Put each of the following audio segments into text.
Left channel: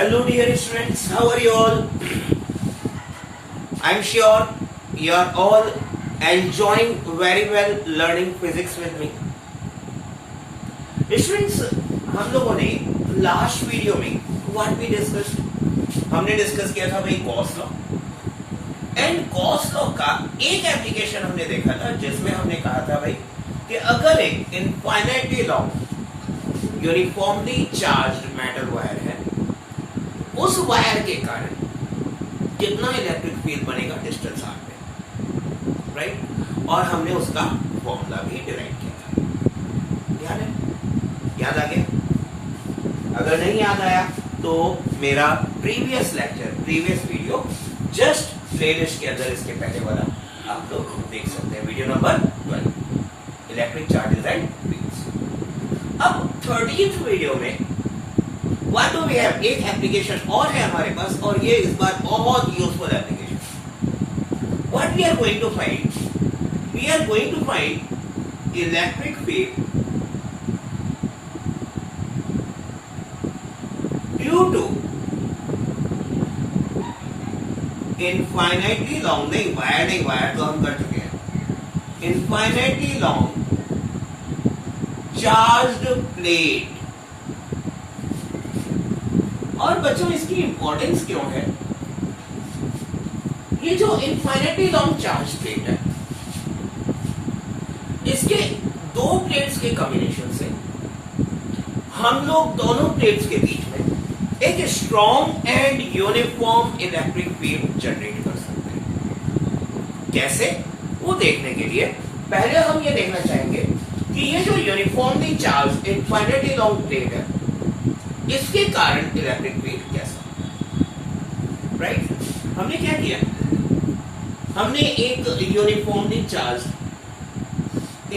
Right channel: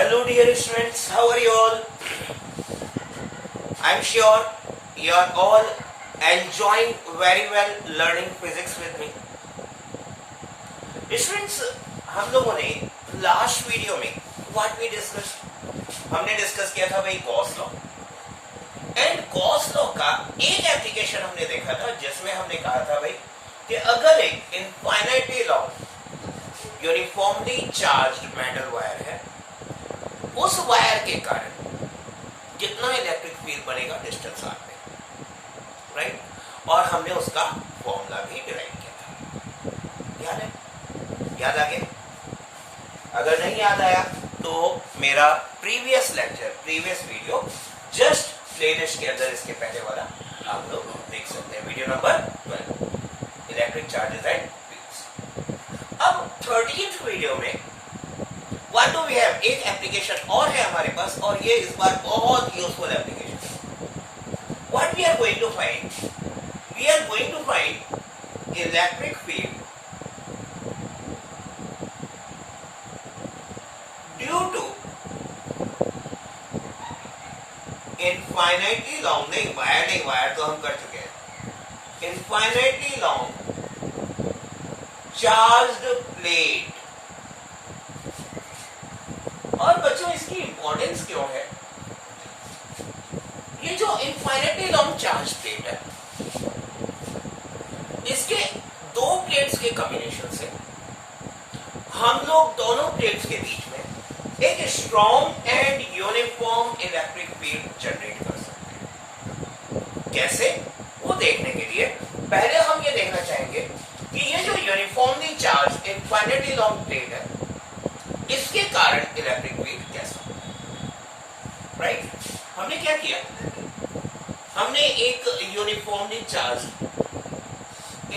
Hello dear students, how are you all? I'm sure you are all enjoying very well learning physics with me. Students, हम लोगों ने last video में what we discuss, हमने discuss किया था भाई Gauss law and Gauss law का एक एप्लीकेशन हमने देखा था जिसमें हमने कहा था भाई कि अगर एक infinitely long uniformly charged metal wire है, उस वायर के कारण कितना इलेक्ट्रिक फील्ड बनेगा डिस्टेंस आर पे, राइट? और हमने उसका फॉर्मूला भी डिराइव किया था। याद है? याद आ गया? अगर नहीं याद आया तो मेरा previous lecture, previous video just playlist के अंदर इसके पहले वाला आप लोग देख सकते हैं, video number 12, electric charges and fields. अब 30th वीडियो में What do we have? एक एप्लीकेशन और है हमारे पास और ये इस बार बहुत useful application. What we are going to find? We are going to find electric field due to infinitely long, नहीं वायर तो हम कर चुके हैं, infinitely long charged plate। और बच्चों इसकी इंपॉर्टेंस क्यों है? ये जो इनफाइनाइटली लॉन्ग चार्ज प्लेट है, इसके दो प्लेट्स के कॉम्बिनेशन से हम लोग दोनों प्लेट्स के बीच में एक strong and uniform electric field generate कर सकते हैं। कैसे? वो देखने के लिए पहले हम ये देखना चाहेंगे कि ये जो uniformly charge infinitely long plate है, इसके कारण इलेक्ट्रिक फील्ड कैसा, राइट? हमने क्या किया? हमने एक uniformly charge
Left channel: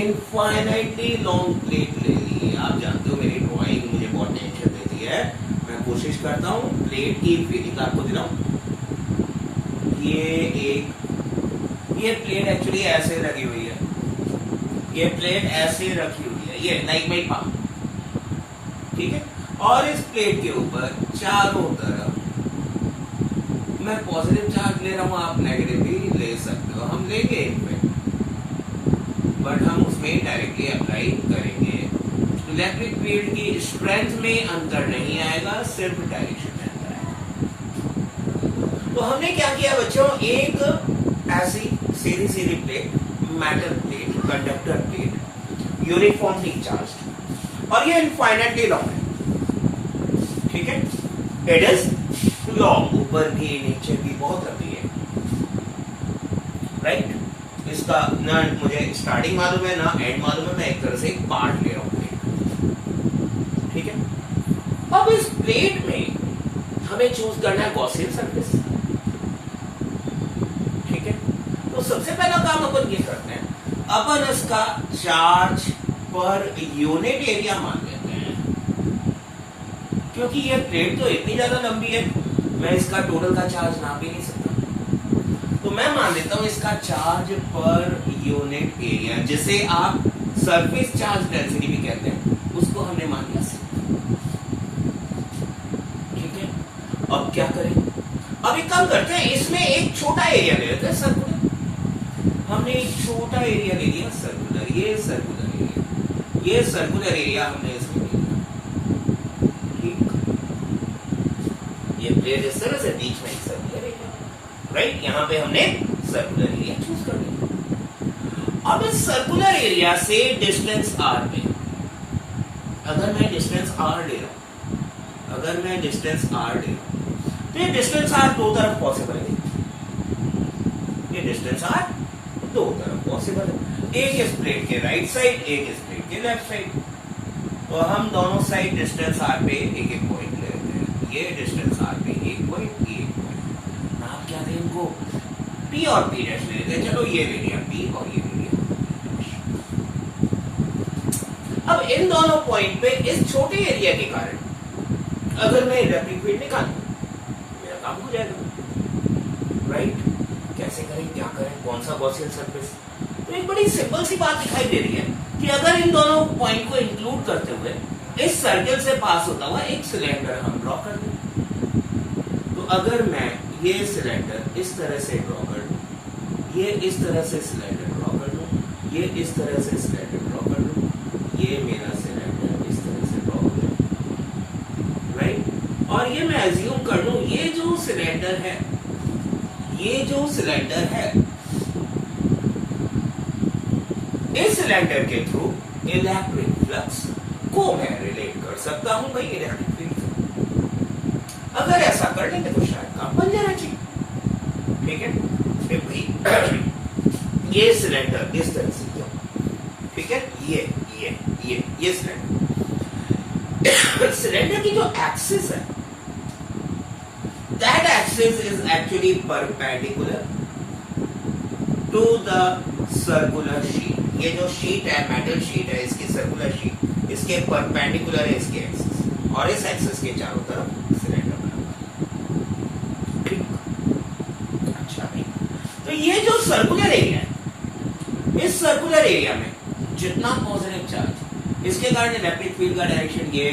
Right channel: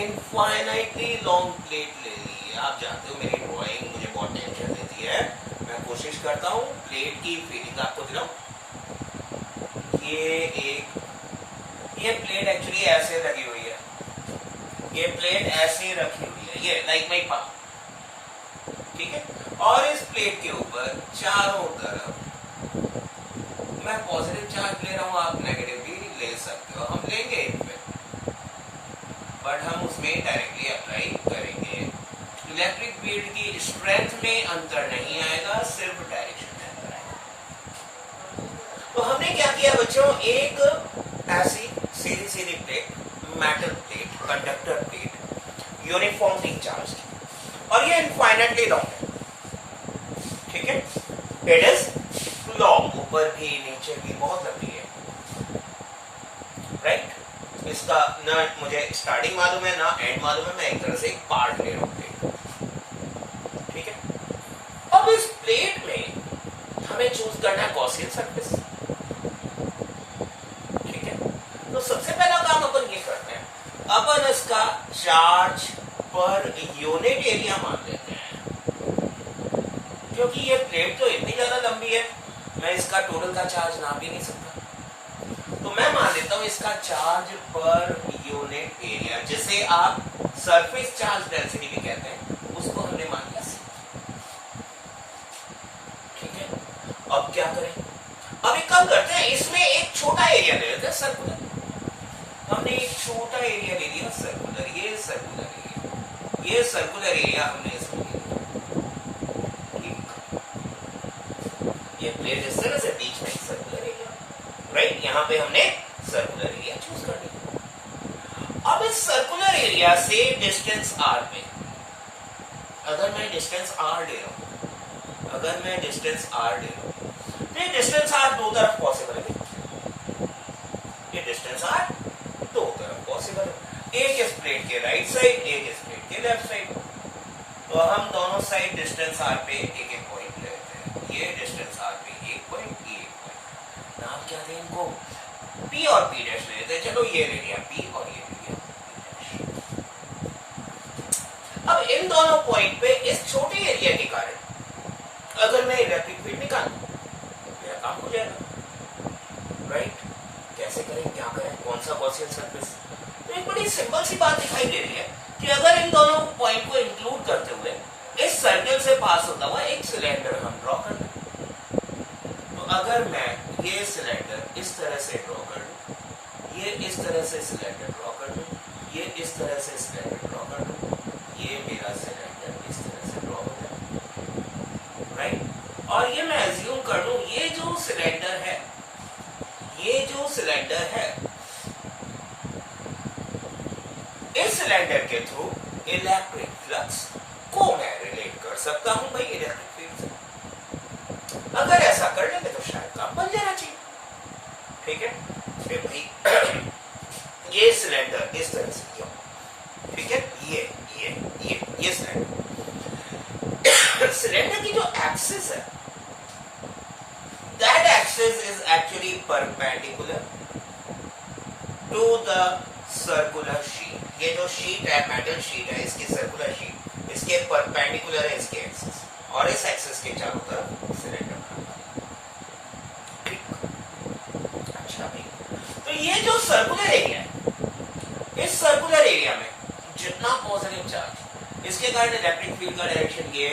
infinitely long plate ले ली। आप जानते हो मेरी ड्राइंग मुझे बहुत टेंशन देती है, मैं कोशिश करता हूं प्लेट की फीलिंग आपको दिलाऊं। ये प्लेट एक्चुअली ऐसे लगी हुई है, ये प्लेट ऐसे रखी हुई है, ये लाइक माई पाम, ठीक है? और इस प्लेट के ऊपर चारों तरफ मैं पॉजिटिव चार्ज ले रहा हूं, आप नेगेटिव भी ले सकते हो, हम लेंगे इनमें, बट हम उसमें डायरेक्टली अप्लाई करेंगे। इलेक्ट्रिक फील्ड की स्ट्रेंथ में अंतर नहीं आएगा, सिर्फ डायरेक्शन में अंतर आएगा। तो हमने क्या किया बच्चों, एक ऐसी सीधी सीधी plate, metal plate, conductor plate, uniformly charge, और ये इनफाइनाइटली लॉन्ग है, ठीक है? इट इज लॉन्ग, ऊपर भी नीचे भी बहुत लंबी है, राइट? इसका ना मुझे स्टार्टिंग मालूम है ना एंड मालूम है, मैं एक तरह से एक पार्ट ले रहा हूं प्लेट का, ठीक है? अब इस प्लेट में हमें चूज करना है गॉसियन सरफेस, ठीक है? तो सबसे पहला काम अपन ये करते हैं, अपन इसका चार्ज पर यूनिट एरिया मान लेते हैं, क्योंकि ये प्लेट तो इतनी ज्यादा लंबी है, मैं इसका टोटल का चार्ज नाप ही नहीं सकता। तो मैं मान लेता हूं इसका चार्ज पर यूनिट एरिया, जिसे आप सरफेस चार्ज डेंसिटी भी कहते हैं, उसको हमने मान लिया, ठीक है? अब क्या करें? अब एक काम करते हैं, इसमें एक छोटा एरिया ले लेते हैं, सर्कुलर। हमने एक छोटा एरिया ले लिया सर्कुलर, ये सर्कुलर एरिया, ये सर्कुलर एरिया हमने इसमें ले लिया, ये प्लेट इस तरह से बीच में सर्कुलर एरिया, राइट? यहां पे हमने सर्कुलर एरिया चूज कर लिया। अब इस सर्कुलर एरिया से डिस्टेंस आर पे, अगर मैं डिस्टेंस आर ले रहा हूं, तो ये डिस्टेंस आर दो तरफ पॉसिबल है, ये डिस्टेंस आर दो तरफ पॉसिबल है, एक इस प्लेट के राइट साइड, एक इस प्लेट के लेफ्ट साइड। तो हम दोनों साइड डिस्टेंस आर पे एक एक पॉइंट ले लेते हैं, ये डिस्टेंस आर पे एक पॉइंट, ये नाम क्या दें इनको, P और P डैश ले लेते हैं। चलो ये ले लिया P और ये ले लिया। अब इन दोनों पॉइंट पे इस छोटे एरिया के कारण अगर मैं इलेक्ट्रिक फील्ड निकालूं, मेरा काम हो जाएगा, राइट? कैसे करें, क्या करें, कौन सा गॉसियन सरफेस? तो एक बड़ी सिंपल सी बात दिखाई दे रही है कि अगर इन दोनों पॉइंट को इंक्लूड करते हुए इस सर्कल से पास होता हुआ एक सिलेंडर हम ड्रॉ कर दें, अगर मैं ये सिलेंडर इस तरह से ड्रॉ कर दूं, ये इस तरह से सिलेंडर ड्रॉ कर दूं, ये इस तरह से सिलेंडर ड्रॉ कर दूं, ये मेरा सिलेंडर इस तरह से ड्रॉ हो जाए, राइट। और ये मैं एज्यूम कर लूं ये जो सिलेंडर है, ये जो सिलेंडर है, इस सिलेंडर के थ्रू इलेक्ट्रिक फ्लक्स को मैं रिलेट कर सकता हूं भाई इलेक्ट्रिक फील्ड से। अगर ऐसा कर लेंगे तो शायद काम बन जाना चाहिए, ठीक है। फिर भाई ये सिलेंडर इस तरह से क्यों, ठीक है, ये सिलेंडर की जो एक्सिस है, that axis is actually perpendicular to the circular sheet. ये जो शीट है, मेटल शीट है, इसकी सर्कुलर शीट इसके परपेंडिकुलर है इसके एक्सिस, और इस एक्सिस के चारों तरफ सिलेंडर। अच्छा भाई, तो ये जो सर्कुलर एरिया है, इस सर्कुलर एरिया में जितना पॉजिटिव चार्ज, इसके कारण इलेक्ट्रिक फील्ड का डायरेक्शन ये,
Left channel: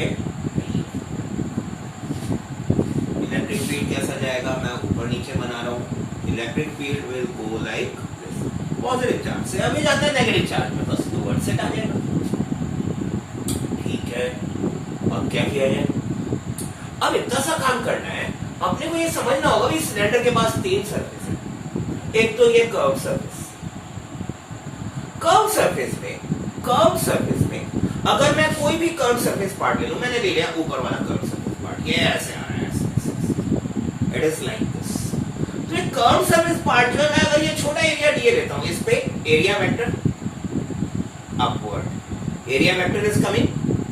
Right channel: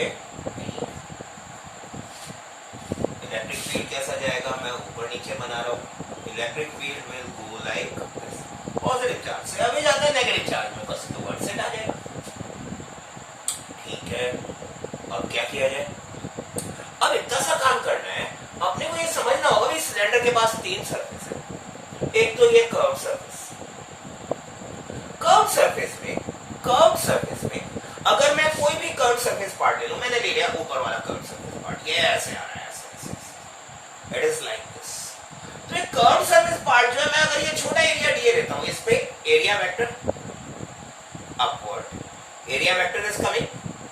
इलेक्ट्रिक फील्ड कैसा जाएगा, मैं ऊपर नीचे बना रहा हूं, electric field will go like positive charge से अभी जाता है नेगेटिव चार्ज में, बस टुवर्ड्स इट आ जाएगा, ठीक है। अब क्या किया जाए, अब इतना सा काम करना है, अपने को ये समझना होगा कि सिलेंडर के पास तीन सरफेस है। एक तो ये कर्व सरफेस, कर्व सरफेस में अगर मैं कोई भी कर्व सरफेस पार्ट ले लूं, मैंने ले लिया ऊपर वाला कर्व सरफेस पार्ट, ये ऐसे आ रहा है, ऐसे, इट इज लाइक दिस। तो एक कर्व सरफेस पार्ट जो है, मैं अगर ये छोटा एरिया डीए लेता हूं, इस पे area vector upward, area vector is coming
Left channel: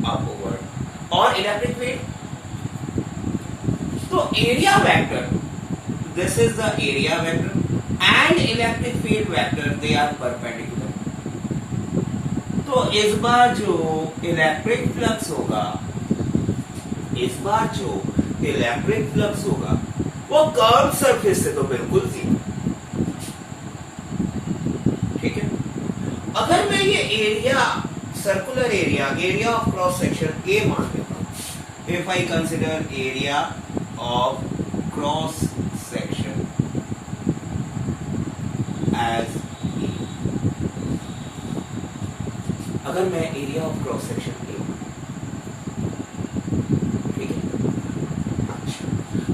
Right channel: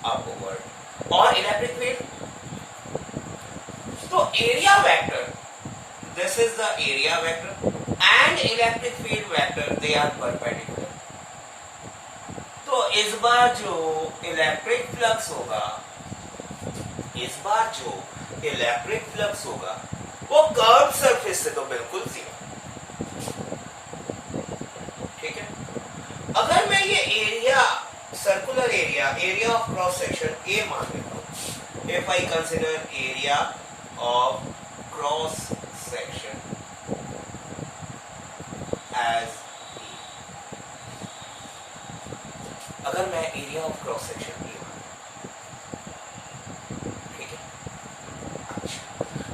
upward, और इलेक्ट्रिक फील्ड, तो area vector, this is the area vector and electric field vector, they are perpendicular. तो इस बार जो इलेक्ट्रिक फ्लक्स होगा, वो कर्व सरफेस से तो बिल्कुल जीरो, ठीक है। अगर मैं ये area, circular area of cross section A मान लेता हूं, if I consider area of cross section as, अगर मैं area of cross section A, ठीक है। अच्छा,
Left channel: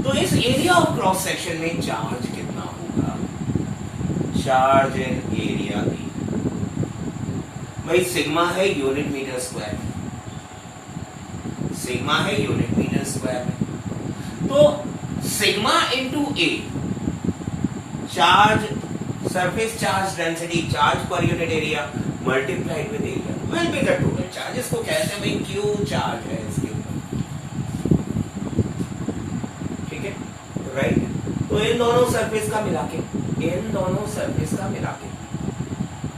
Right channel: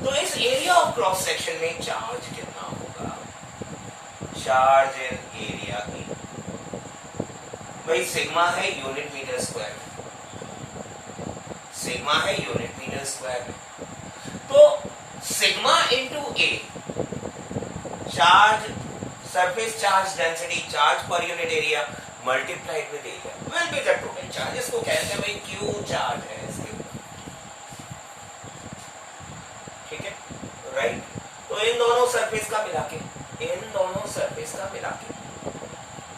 तो इस एरिया ऑफ क्रॉस सेक्शन में चार्ज कितना होगा, चार्ज इन एरिया की भाई सिग्मा है यूनिट मीटर स्क्वायर, सिग्मा है यूनिट मीटर स्क्वायर में, तो sigma into A, charge, surface charge density, charge per unit area multiplied with area will be the total charge. इसको कहते हैं भाई क्यू चार्ज है इसके ऊपर, ठीक है, राइट। तो इन दोनों सरफेस का मिला के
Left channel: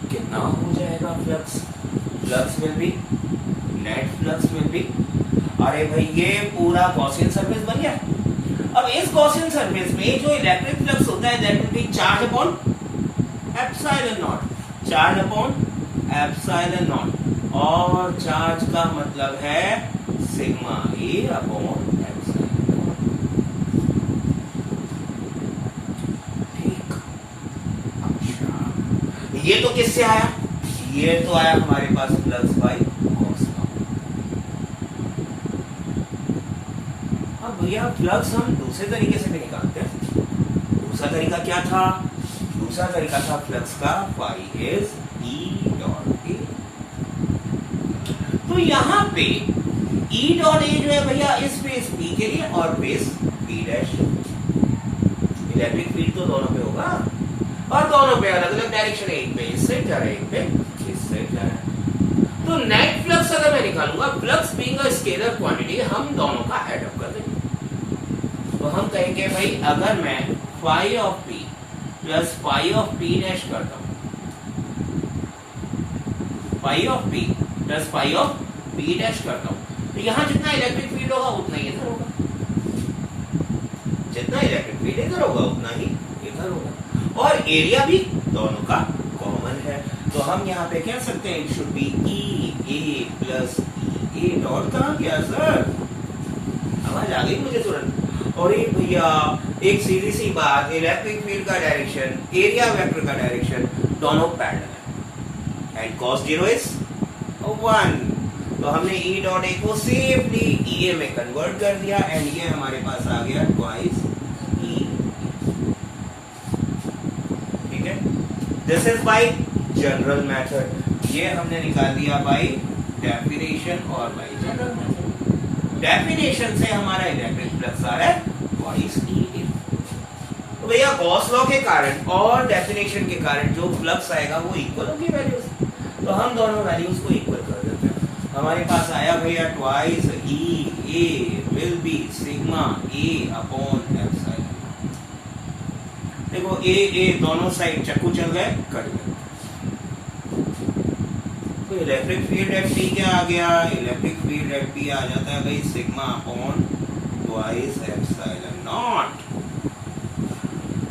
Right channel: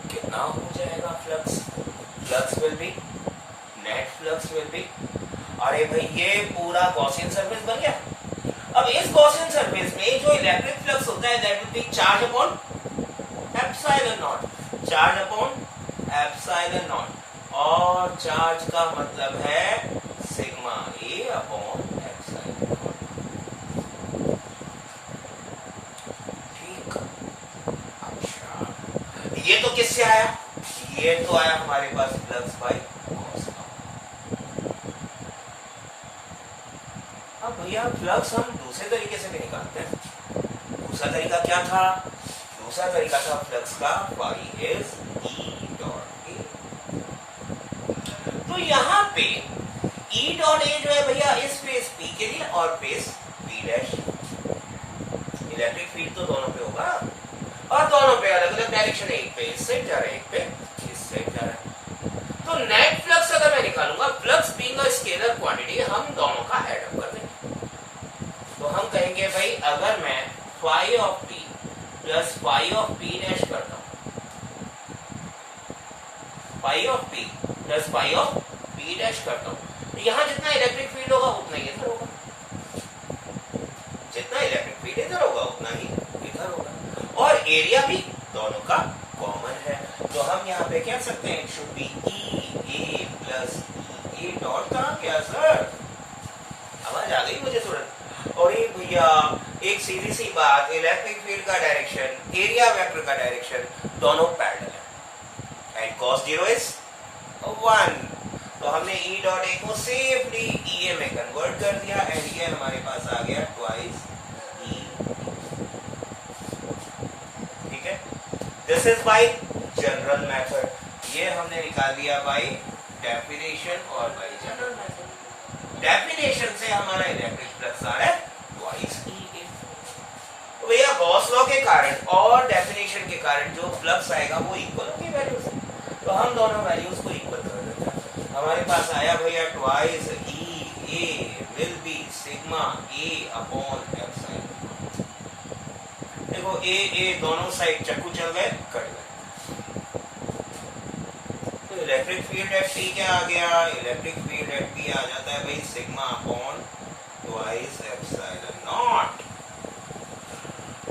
कितना हो जाएगा flux, will be, net flux will be, अरे भाई ये पूरा गॉसियन सरफेस बन गया। अब इस गॉसियन सरफेस में जो इलेक्ट्रिक फ्लक्स होता है, that will be charge upon epsilon not, और चार्ज का मतलब है sigma A upon epsilon not, ठीक। अच्छा, ये तो किससे आया, ये तो आया हमारे पास फ्लक्स बाई गॉस लॉ। अब भैया फ्लक्स हम दूसरे तरीके से भी निकालते हैं। दूसरा तरीका क्या था, दूसरा तरीका था फ्लक्स का phi is E dot A. तो यहां पे ई डॉट ए जो है भैया इस फेस बी के लिए और face B dash, electric field तो दोनों पे होगा, और दोनों पे अलग अलग डायरेक्शन है, एक पे इससे जा रहा है, एक पे इससे जा रहा है। तो नेट फ्लक्स अगर मैं निकालूंगा, flux being a scalar quantity, हम दोनों का एड अप कर देंगे। तो हम कहेंगे भाई अगर मैं phi of P plus phi of P dash करता हूं, phi of P plus phi of P dash करता हूं, तो यहां जितना इलेक्ट्रिक फील्ड होगा उतना ही इधर होगा, जितना इलेक्ट्रिक फील्ड इधर होगा उतना ही इधर होगा, और एरिया भी दोनों का कॉमन है। तो हम यहाँ पे कह सकते हैं it should be E A plus E dot. कहां गया सर, आवाज आ गई मुझे तुरंत। और ये भैया एक सीधी सी बात, इलेक्ट्रिक फील्ड का डायरेक्शन, एरिया वेक्टर का डायरेक्शन दोनों पैरेलल है एंड cos 0 इज 1। तो हमने E डॉट ए को सेफली EA में कन्वर्ट कर दिया एंड ये हमारे पास आ गया ट्वाइस E। ठीक है, this is by general method. ये हमने निकाल दिया बाय डेफिनेशन और बाय जनरल मेथड। डेफिनेशन से हमारा इलेक्ट्रिक फ्लक्स आ रहा है ट्वाइस E। तो भैया गॉस लॉ के कारण और डेफिनेशन के कारण जो फ्लक्स आएगा वो इक्वल होगी वैल्यूज, तो हम दोनों वैल्यूज को इक्वल कर देते हैं। हमारे पास आया भैया twice E A will be sigma A upon epsilon. देखो A दोनों साइड चक्कू चल गए, कट गए। तो इलेक्ट्रिक फील्ड एट P क्या आ गया? इलेक्ट्रिक फील्ड एट P आ जाता है भाई sigma upon twice epsilon naught.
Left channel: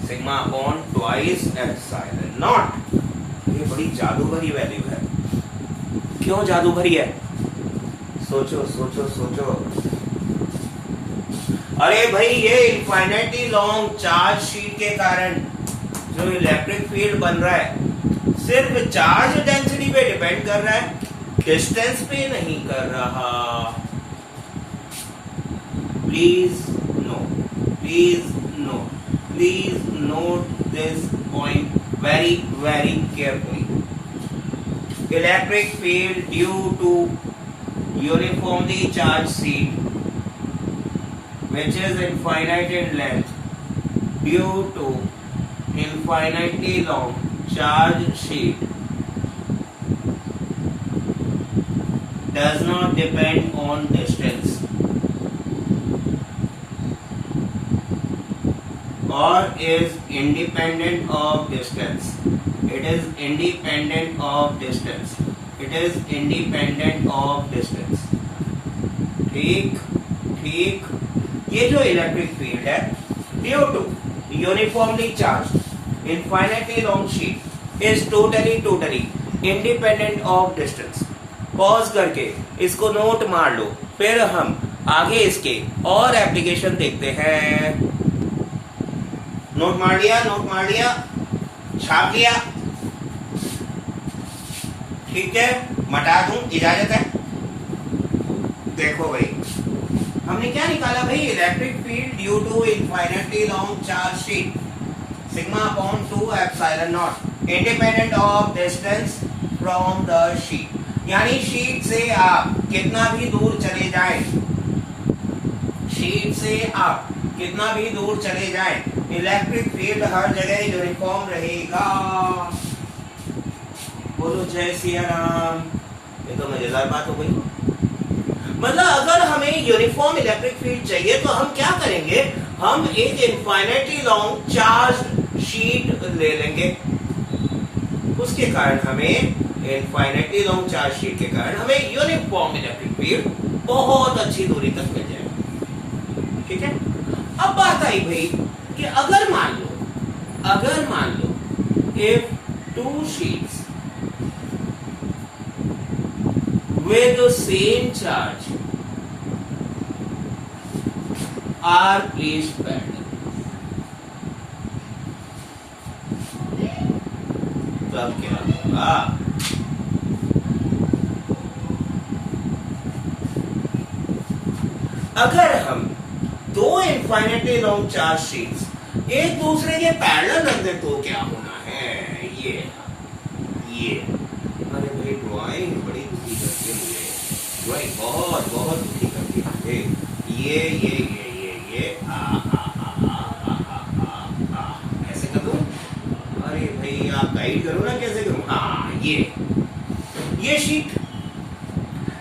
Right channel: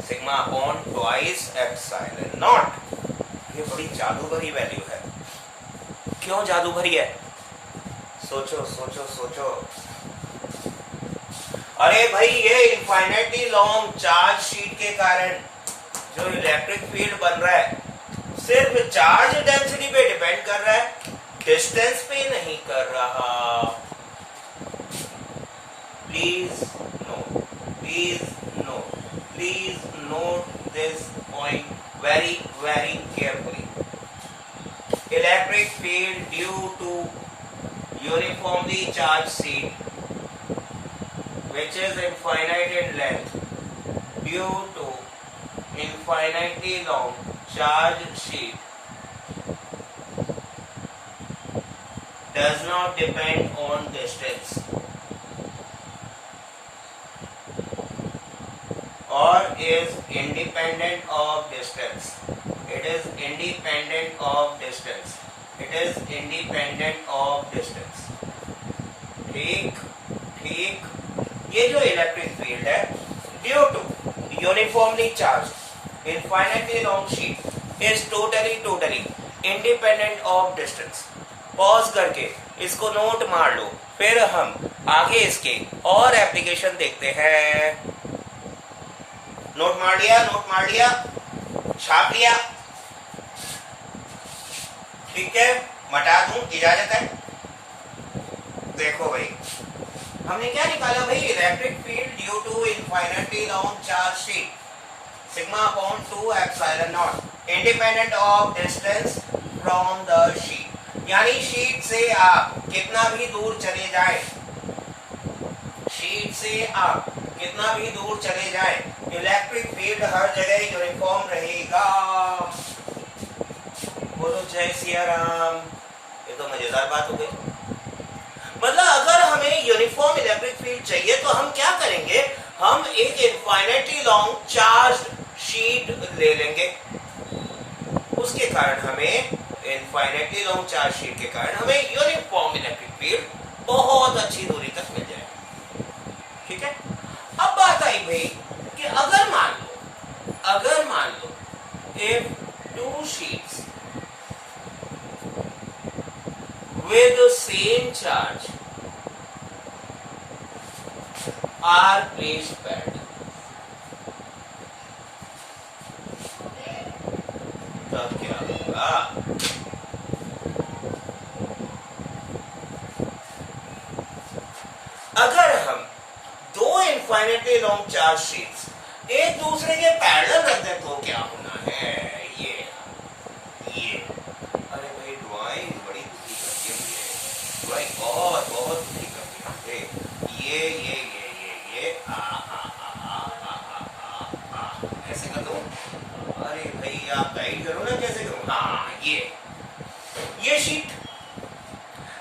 Sigma upon twice epsilon not. ये बड़ी जादू भरी वैल्यू है। क्यों जादू भरी है? सोचो सोचो सोचो। अरे भाई ये इनफाइनाइटली लॉन्ग चार्ज शीट के कारण जो इलेक्ट्रिक फील्ड बन रहा है सिर्फ चार्ज डेंसिटी पे डिपेंड कर रहा है, डिस्टेंस पे नहीं कर रहा। Please no, please no, please note this point very very carefully. Electric field due to uniformly charged sheet which is infinite in length due to infinitely long charged sheet does not depend on distance or is independent of distance. It is independent of distance. It is independent of distance. ठीक ठीक। ये जो electric field है due to uniformly charge infinitely long sheet is totally independent of distance. Pause करके इसको note मार लो, फिर हम आगे इसके और एप्लीकेशन देखते हैं। नोट मार लिया, नोट मार लिया, छाप लिया, ठीक है, मटा दूं, इजाजत है। देखो भाई हमने क्या निकाला भाई? Electric field due to infinitely long charge sheet sigma upon 2 epsilon naught independent of distance from the sheet. यानी शीट से आप कितना भी दूर चले जाएं, शीट से आप कितना भी दूर चले जाएं, इलेक्ट्रिक फील्ड हर जगह यूनिफॉर्म रहेगा। बोलो जय सिया राम। ये तो मजेदार बात हो गई। मतलब अगर हमें यूनिफॉर्म इलेक्ट्रिक फील्ड चाहिए तो हम क्या करेंगे? हम एक इनफाइनाइटली लॉन्ग चार्ज शीट ले लेंगे। उसके कारण हमें इनफाइनाइटली लॉन्ग चार्ज शीट के कारण हमें यूनिफॉर्म इलेक्ट्रिक फील्ड बहुत अच्छी दूरी तक मिल जाएगा। ठीक है, अब बात आई भाई कि अगर मान लो if two sheets with the same charge are placed parallel, तब क्या होगा? अगर हम दो इनफाइनाइटली लॉन्ग चार्ज शीट्स एक दूसरे के पैरेलल रख दें तो क्या होना है? ये अरे भाई ड्राइंग बड़ी दुखी करती है मुझे, ड्राइंग बहुत बहुत दुखी करती है मुझे। ये ऐसे कर दूं? अरे भाई आप गाइड करो ना, कैसे करूं? हाँ, ये शीट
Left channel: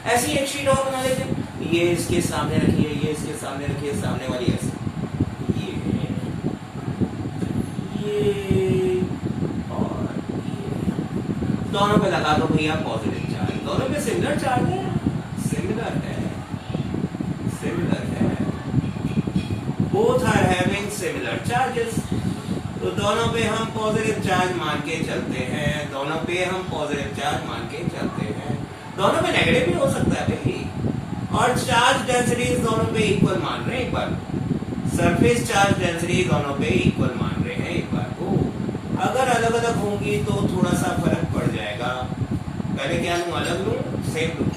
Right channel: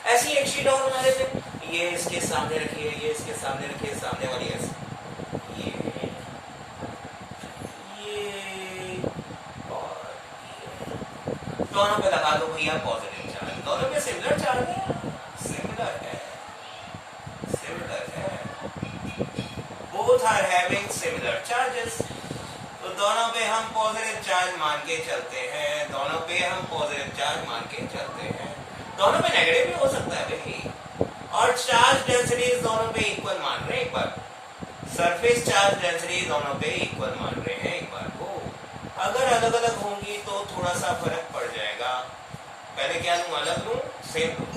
ऐसी एक शीट और बना लेते, ये इसके सामने रखिए, ये इसके सामने रखिए, सामने वाली ऐसे, ये और ये दोनों पे लगा दो भैया पॉजिटिव चार्ज। दोनों पे सिमिलर चार्ज है, सिमिलर है, both are having similar charges. तो दोनों पे हम पॉजिटिव चार्ज मान के चलते हैं, दोनों पे हम पॉजिटिव चार्ज मान के चलते हैं। दोनों पे नेगेटिव भी हो सकता है भाई, और चार्ज डेंसिटी दोनों पे इक्वल मान रहे हैं। एक बार सरफेस चार्ज डेंसिटी दोनों पे इक्वल मान रहे हैं एक बार को। अगर अलग अलग होंगी तो थोड़ा सा फर्क पड़ जाएगा। पहले क्या लूं, अलग लूं, सेम लूं,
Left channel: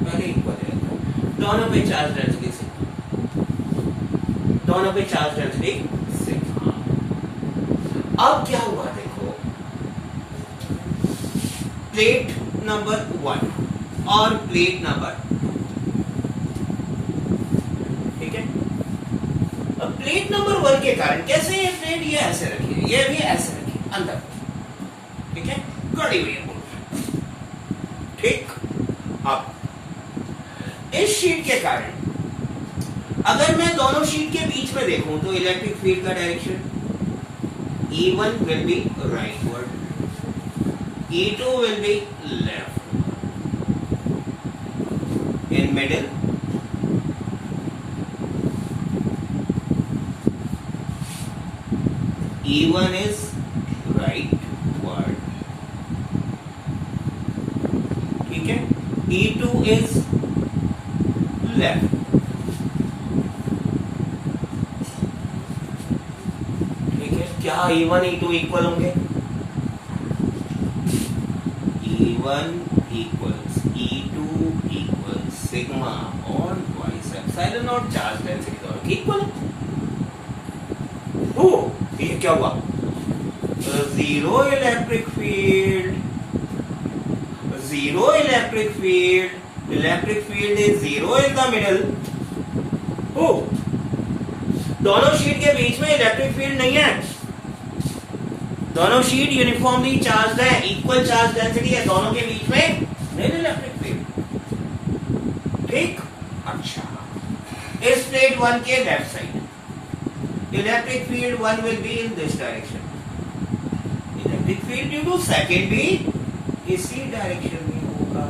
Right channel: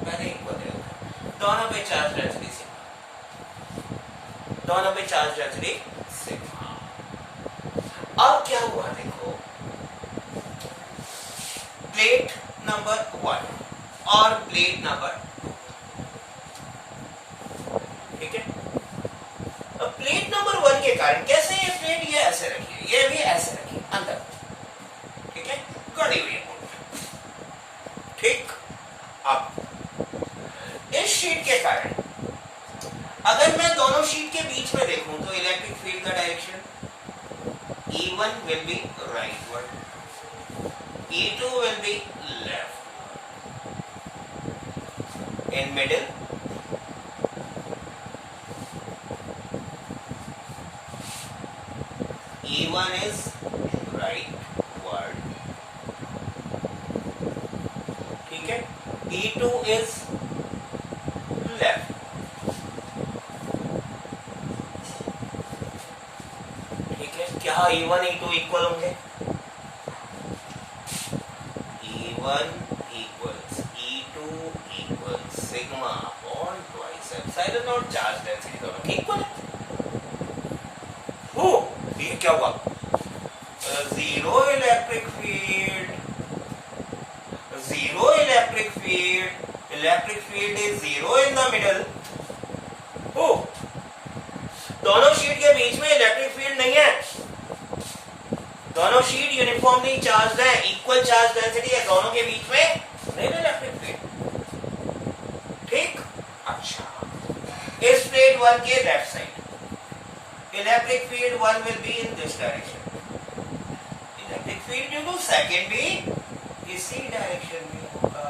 पहले इक्वल है। दोनों पे चार्ज डेंसिटी सिग्मा, दोनों पे चार्ज डेंसिटी सिग्मा। अब क्या हुआ देखो, प्लेट नंबर 1 और प्लेट नंबर 2, ठीक है। अब प्लेट नंबर 1 के कारण कैसे ये प्लेट ये ऐसे रखिए, ये भी ऐसे रखिए अंदर, ठीक है, गड़ी हुई है, ठीक। अब इस शीट के कारण अगर मैं दोनों शीट के बीच में देखूं तो इलेक्ट्रिक फील्ड का direction E1 will be rightward, E2 will be left. In middle, E1 is rightward, ठीक है, E2 is left. क्या E1 E2 इक्वल होंगे? E1 equals E2 equals sigma upon twice epsilon naught charge density दोनों equal है। ओ ये क्या हुआ? Zero electric field, zero electric field, electric field is zero in the middle. ओ दोनों शीट के बीच में इलेक्ट्रिक फील्ड नहीं है, दोनों शीट यूनिफॉर्मली चार्ज है, इक्वल चार्ज डेंसिटी है, दोनों के बीच में नहीं इलेक्ट्रिक फील्ड, ठीक। अच्छा, इस प्लेट 1 के left side electric field 1 will be in this direction, electric field due to second भी इसी डायरेक्शन में होगा।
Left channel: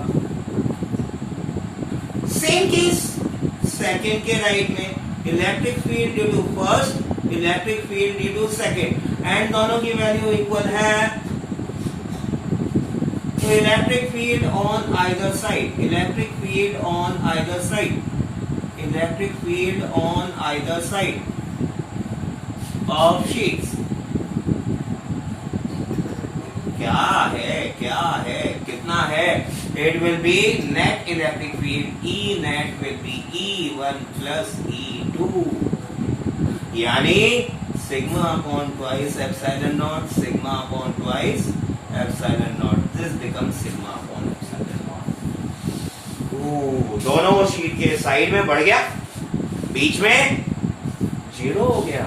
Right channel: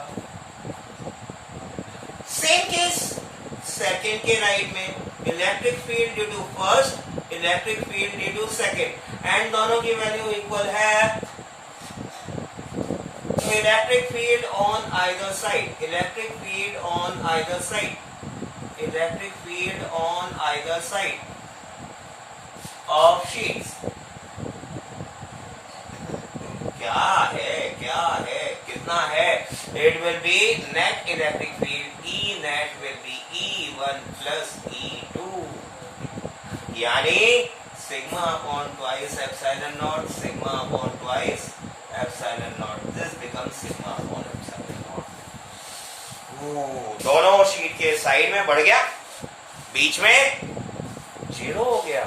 सेम केस सेकंड के राइट में electric field due to first, electric field due to second, and दोनों की value equal है, तो electric field on either side, electric field on either side, electric field on either side of sheets क्या है कितना है? It will be net electric field E net will be E1 plus E2, यानी sigma upon twice epsilon naught, sigma upon twice epsilon naught, this becomes sigma upon epsilon naught. दोनों sheet के side में बढ़ गया, बीच में zero हो गया,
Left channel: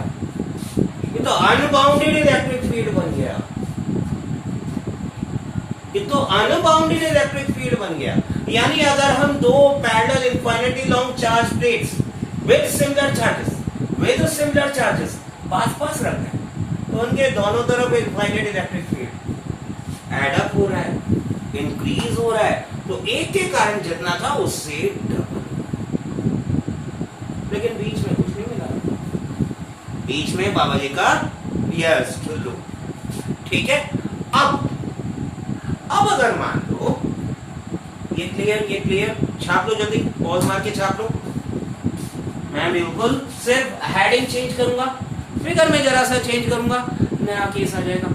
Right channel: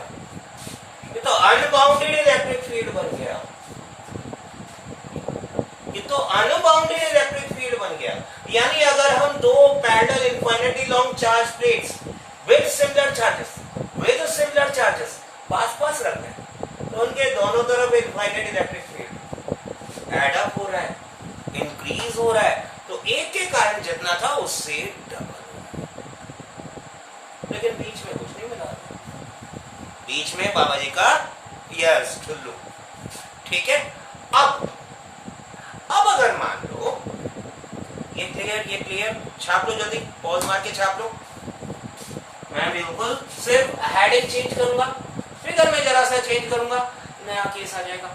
ये तो अनबाउंडेड इलेक्ट्रिक फील्ड बन गया, ये तो अनबाउंडेड इलेक्ट्रिक फील्ड बन गया। यानी अगर हम दो parallel infinitely long charge plates with similar charges पास रख रहे हैं तो उनके दोनों तरफ infinite electric field add up हो रहा है, इंक्रीज हो रहा है, तो एक के कारण जितना था उससे डबल, लेकिन बीच में कुछ नहीं मिला, बीच में बाबा जी का यस चुल्लू, ठीक है। अब अगर मान लो ये क्लियर, छाप लो जल्दी, पॉज मार के छाप लो। मैं बिल्कुल सिर्फ हेडिंग चेंज करूंगा, फिगर में जरा सा चेंज करूंगा, नया केस आ जाएगा,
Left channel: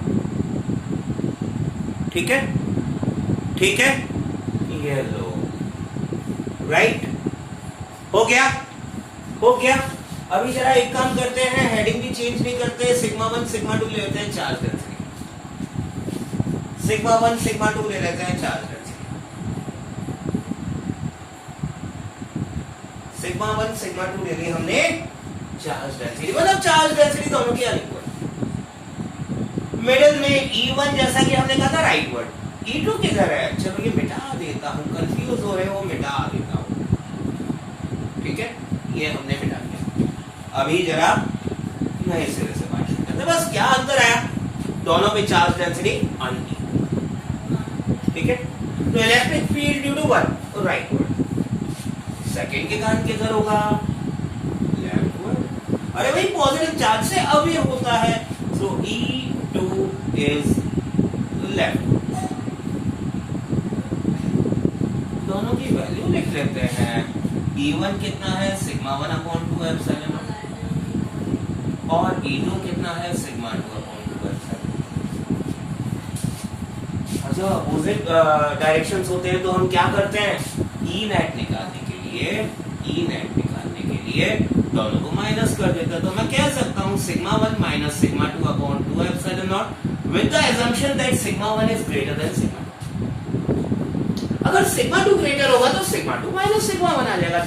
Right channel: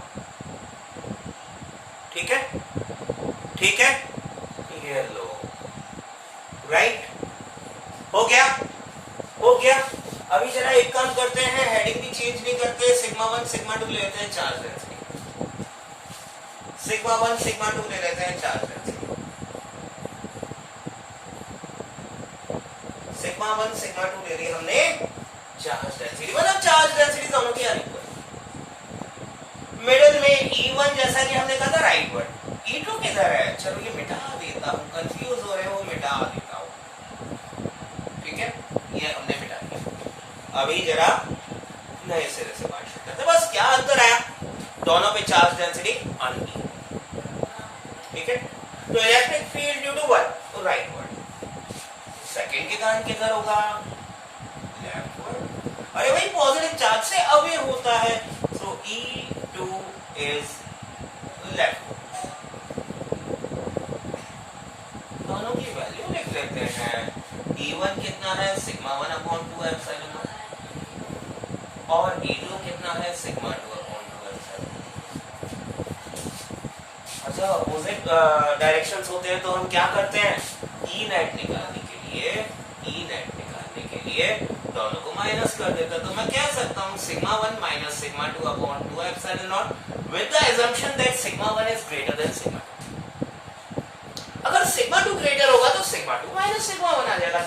ठीक है, ये लो, राइट, हो गया। अभी जरा एक काम करते हैं, हेडिंग भी चेंज नहीं करते, सिग्मा 1 सिग्मा 2 ले लेते हैं चार्ज डेंसिटी, सिग्मा 1 सिग्मा 2 ले लेते हैं चार्ज डेंसिटी, सिग्मा 1 सिग्मा 2 ले ली हमने चार्ज डेंसिटी, मतलब चार्ज डेंसिटी दोनों की अनइक्वल। मिडिल में E1 जैसा कि हमने कहा था राइटवर्ड, E2 किधर है? चलो ये मिटा देता हूं, कंफ्यूज हो रहे हो, मिटा देता हूं, ठीक है, ये हमने मिटा दिया। अभी जरा नए सिरे से बात करते हैं, बस क्या अंतर आया, दोनों में चार्ज डेंसिटी अनइक्वल, ठीक है। तो electric field due to one rightward, second के कारण किधर होगा? लेफ्टवर्ड। अरे भाई पॉजिटिव चार्ज से अवे होता है, तो E2 इज लेफ्ट। दोनों की वैल्यू लिख लेते हैं। E1 कितना है? Sigma 1 upon 2 epsilon not. और E2 कितना है सिग्मा 2 अपॉन 2 एप्सिलॉन। अच्छा अपोजिट डायरेक्शंस होते हैं तो हम क्या करते हैं, ई नेट निकालने के लिए दोनों को माइनस कर देते हैं। तो मैं कह सकता हूँ sigma 1 minus sigma 2 upon 2 epsilon not with the assumption that sigma 1 is greater than sigma 2। अगर सिग्मा 2 ग्रेटर होगा तो सिग्मा 2 माइनस सिग्मा 1 आ जाएगा।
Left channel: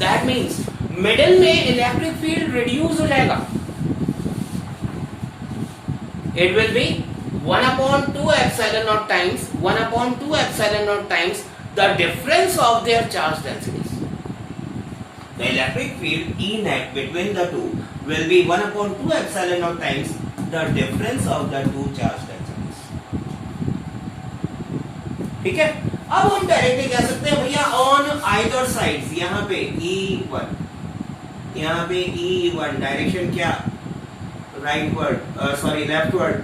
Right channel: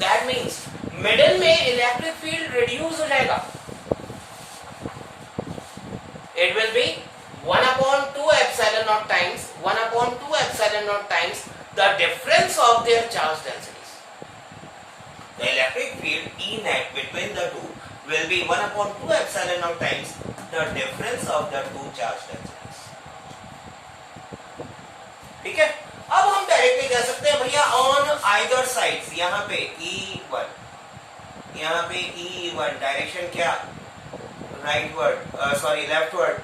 दैट मींस मिडिल में इलेक्ट्रिक फील्ड रिड्यूस हो जाएगा। It will be 1 upon 2 epsilon naught times 1 upon 2 epsilon naught times the difference of their charge densities. The electric field E net between the two will be 1 upon 2 epsilon naught times the difference of the two charge densities. ठीक है, अब हम directly कह सकते हैं भैया on either sides, यहाँ पे E1, यहाँ पे E1 डायरेक्शन क्या, rightward, sorry leftward,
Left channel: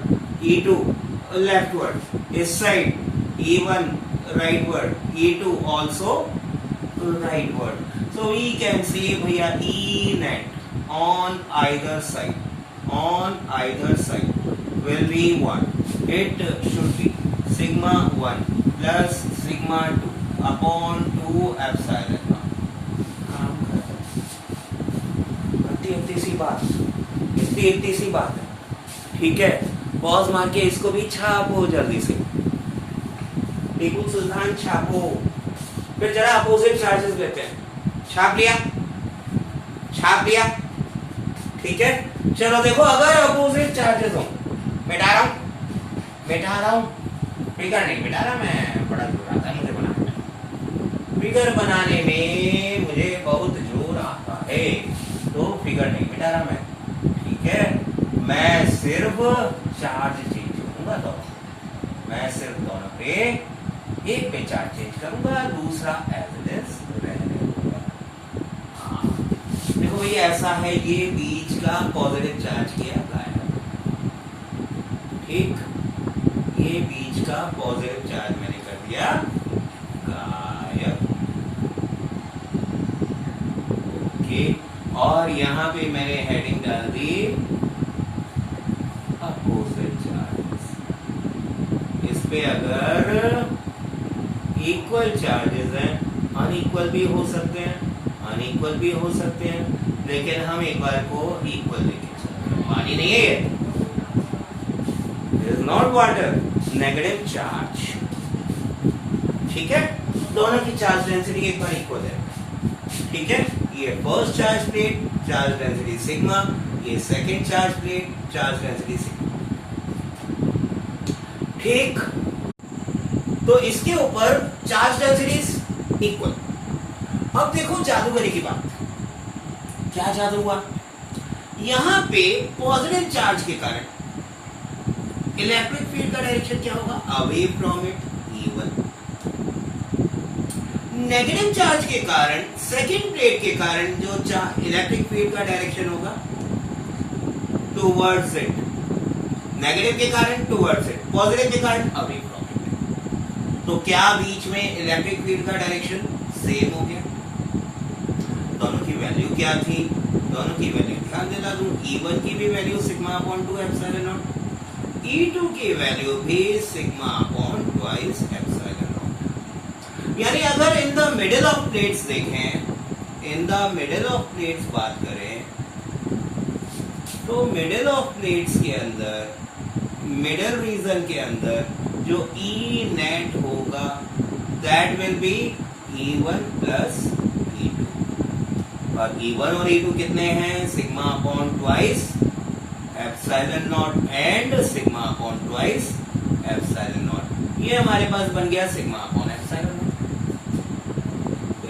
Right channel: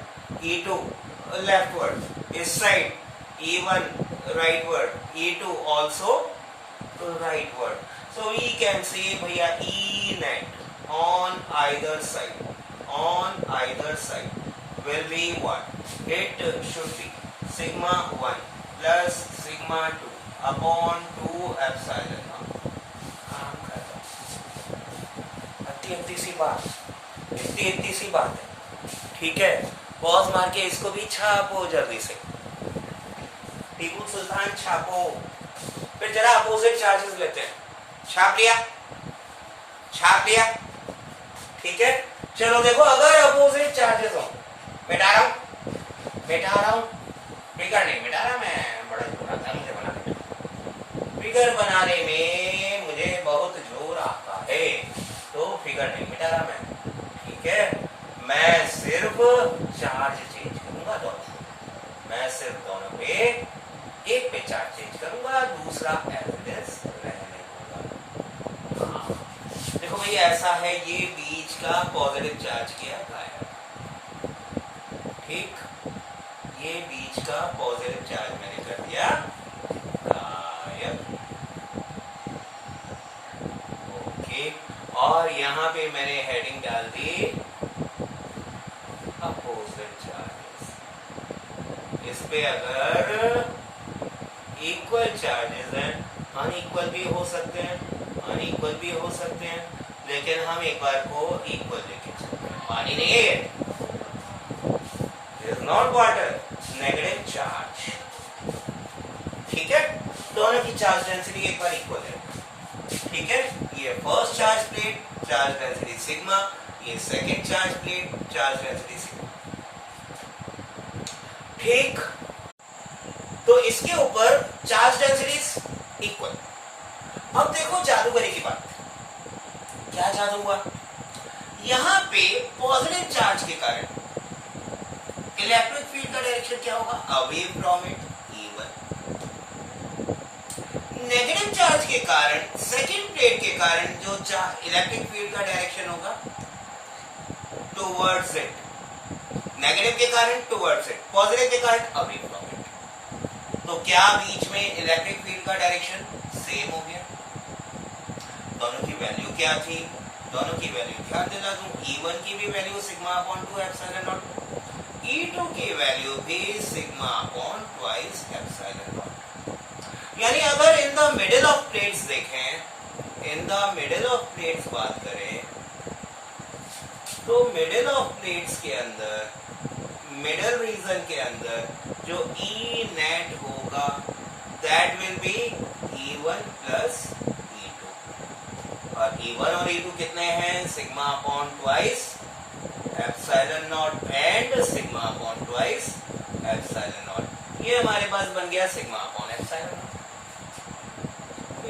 E2 leftward, इस side E1 rightward, E2 also rightward. So we can say भैया E net on either side will be 1. It should be sigma 1 plus sigma 2 upon 2 epsilon naught. इतनी सी बात है, ठीक है। Pause मार के इसको भी छापो जल्दी से, टीपू सुल्तान छापो। फिर जरा अपोजिट चार्जेस लेते हैं, छाप लिया, ठीक है। चलो देखो, अगर अपोजिट चार्जेस हो, बैठा रहा हूं, फिगर नहीं बैठा रहा, मैं बड़ा जोर आता है मुझे बनाने में, फिगर बनाने में मुझे बहुत जोर आता है, तो फिगर नहीं बैठा रहा मैं, ठीक है। मैं सिर्फ चार्ज चेंज करूंगा दोनों पे, एक पे चार्ज चेंज करूंगा, दूसरा एज इट इज रहने दूंगा। देखो भाई ऐसा है, ये बीच का पॉजिटिव चार्ज किया गायब, ठीक, ये बीच का पॉजिटिव चार्ज मैंने कर दिया गायब, ओके। और यहाँ पे मैंने हेडिंग डाल दी अपोजिट चार्जेस। इस पे अगर इक्वल चार्जेस हैं, अनइक्वल भी हो सकते हैं, लेकिन हम एक बार को इक्वल लेके चलते हैं। पानी नहीं है ये, it is not water, negative charge, ठीक है। दोनों की चार्ज डेंसिटी एक बार इक्वल है, ठीक है। ये first charge plate, charge density sigma, ये second charge plate, charge density sigma, ठीक। तो इसके ऊपर चार्ज डेंसिटीज इक्वल। अब देखो जादूगरी की बात, क्या जादू हुआ, यहां पे पॉजिटिव चार्ज के कारण इलेक्ट्रिक फील्ड का डायरेक्शन क्या होगा, away from it, E1। Negative charge के कारण, सेकेंड प्लेट के कारण जो इलेक्ट्रिक फील्ड का डायरेक्शन होगा टुवर्ड्स इट, नेगेटिव के कारण टुवर्ड्स इट, पॉजिटिव के कारण अवे फ्रॉम इट। तो क्या बीच में इलेक्ट्रिक फील्ड का डायरेक्शन सेम हो गया। दोनों की वैल्यू क्या थी, दोनों की वैल्यू ध्यान दिला दूं, E1 की भी value sigma upon 2 epsilon naught, E2 की वैल्यू भी sigma upon twice epsilon naught. यानी अगर in the middle of plates देखें, in the middle of plates बात करें, तो मिडिल ऑफ प्लेट्स के अंदर, मिडिल रीजन के अंदर जो E नेट होगा that will be E1 plus E2, और E1 और E2 कितने हैं, sigma upon twice epsilon not and sigma upon twice epsilon not. ये हमारे पास बन गया sigma upon epsilon not.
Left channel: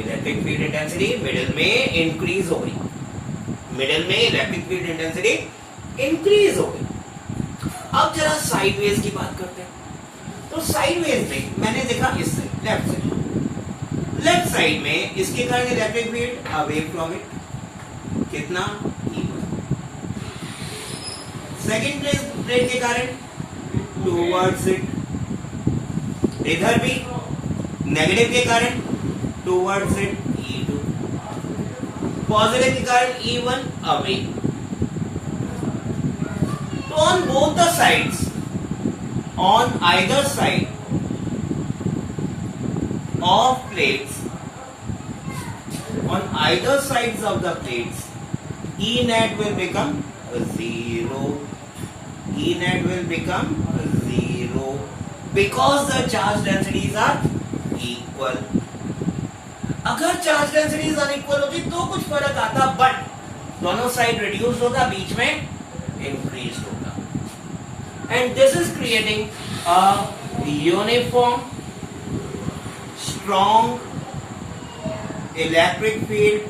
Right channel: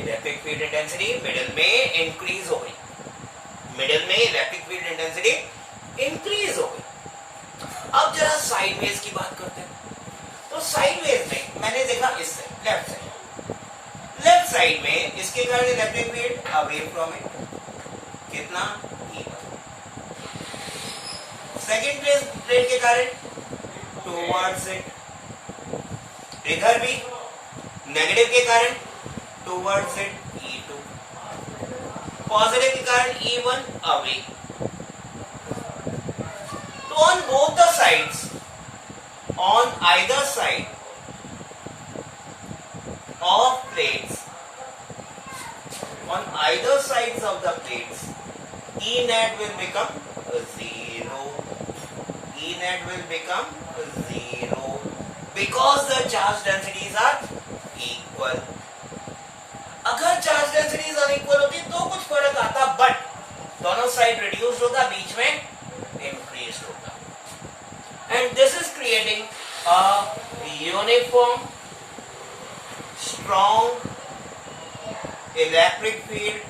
Electric field intensity middle में इंक्रीज हो गई, मिडिल में इलेक्ट्रिक फील्ड इंटेंसिटी इंक्रीज हो गई। अब जरा साइडवेज की बात करते हैं। तो साइडवेज में मैंने देखा इससे लेफ्ट साइड में इसके कारण electric field away from it कितना, E1। सेकेंड प्लेट के कारण टुवर्ड्स इट, इधर भी नेगेटिव के कारण टुवर्ड्स इट E2, पॉजिटिव के कारण E1 अवे, तो on both the sides, on either side of plates, on either sides of the plates, E net will become 0. E net will become 0 because the charge densities are equal. अगर charge densities unequal होती तो कुछ फर्क आता, but दोनों side reduce होता, बीच में increase होता, and this is creating a uniform strong electric field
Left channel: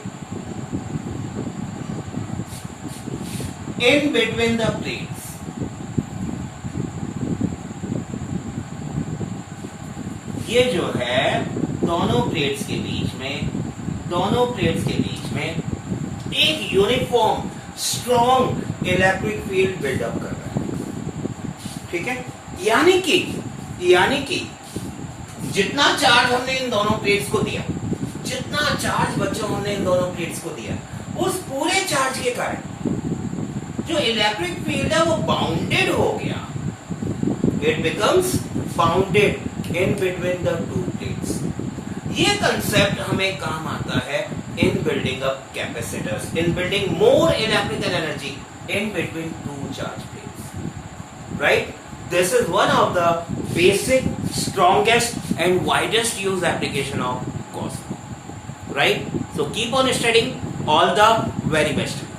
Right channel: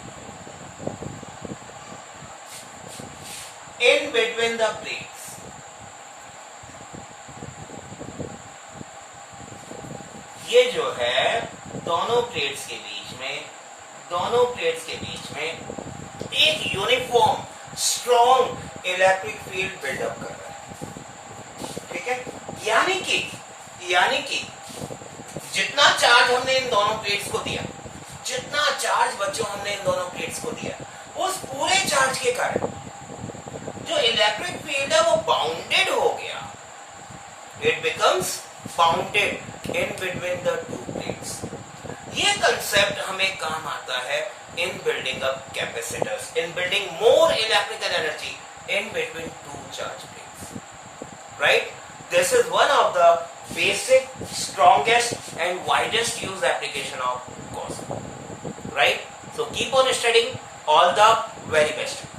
in between the plates. ये जो है दोनों प्लेट्स के बीच में एक uniform strong electric field build up कर रहा है, ठीक है। यानी कि जितना चार्ज हमने इन दोनों प्लेट्स को दिया, जितना चार्ज बच्चों हमने इन दोनों प्लेट्स को दिया, उस पूरे चार्ज के कारण जो इलेक्ट्रिक फील्ड है वो बाउंडेड हो गया, it becomes bounded in between the two plates. ये कंसेप्ट हमें काम आता है इन building up capacitors, in building more electrical energy in between two charge plates, right. This is one of the basic strongest and widest use application of Gauss law, right. So keep on studying, all the very best.